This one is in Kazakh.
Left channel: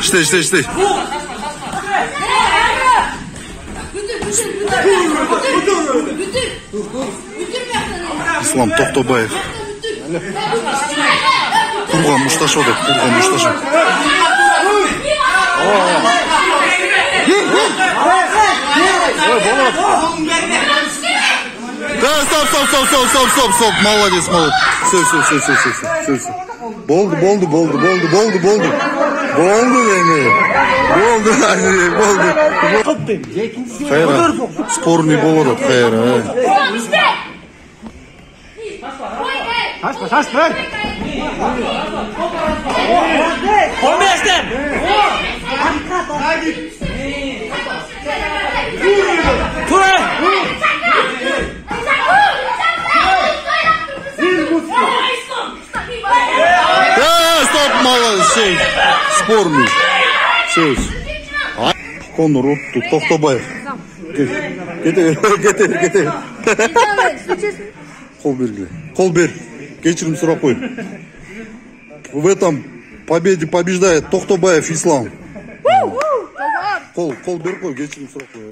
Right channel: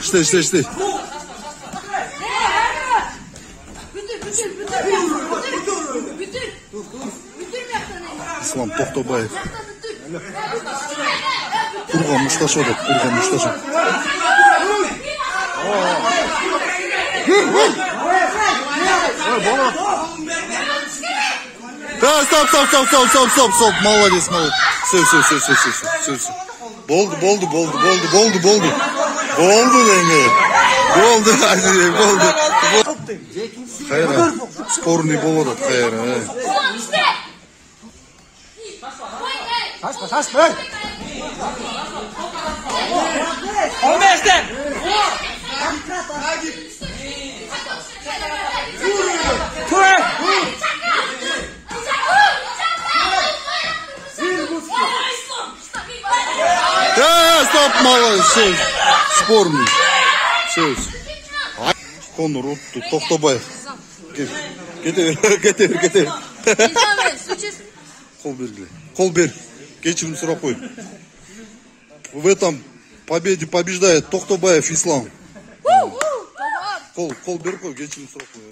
İşte. İslam Toxtobayev. Kurgan Muştaşo da, Kurgan Muştaşo. Да, стоп. Молодец. Все. Болды деме. Болды. Хайра, спорный болот, хайра. Да, стоп, молодец. Спорный. Söz. Konur Uttu Toxtobayev. Getir. Кол бер. Кечирим сурап кой. В этом победе побеждает Toxtobayev Ислам. Кол бер кой, кечирим сурап кой.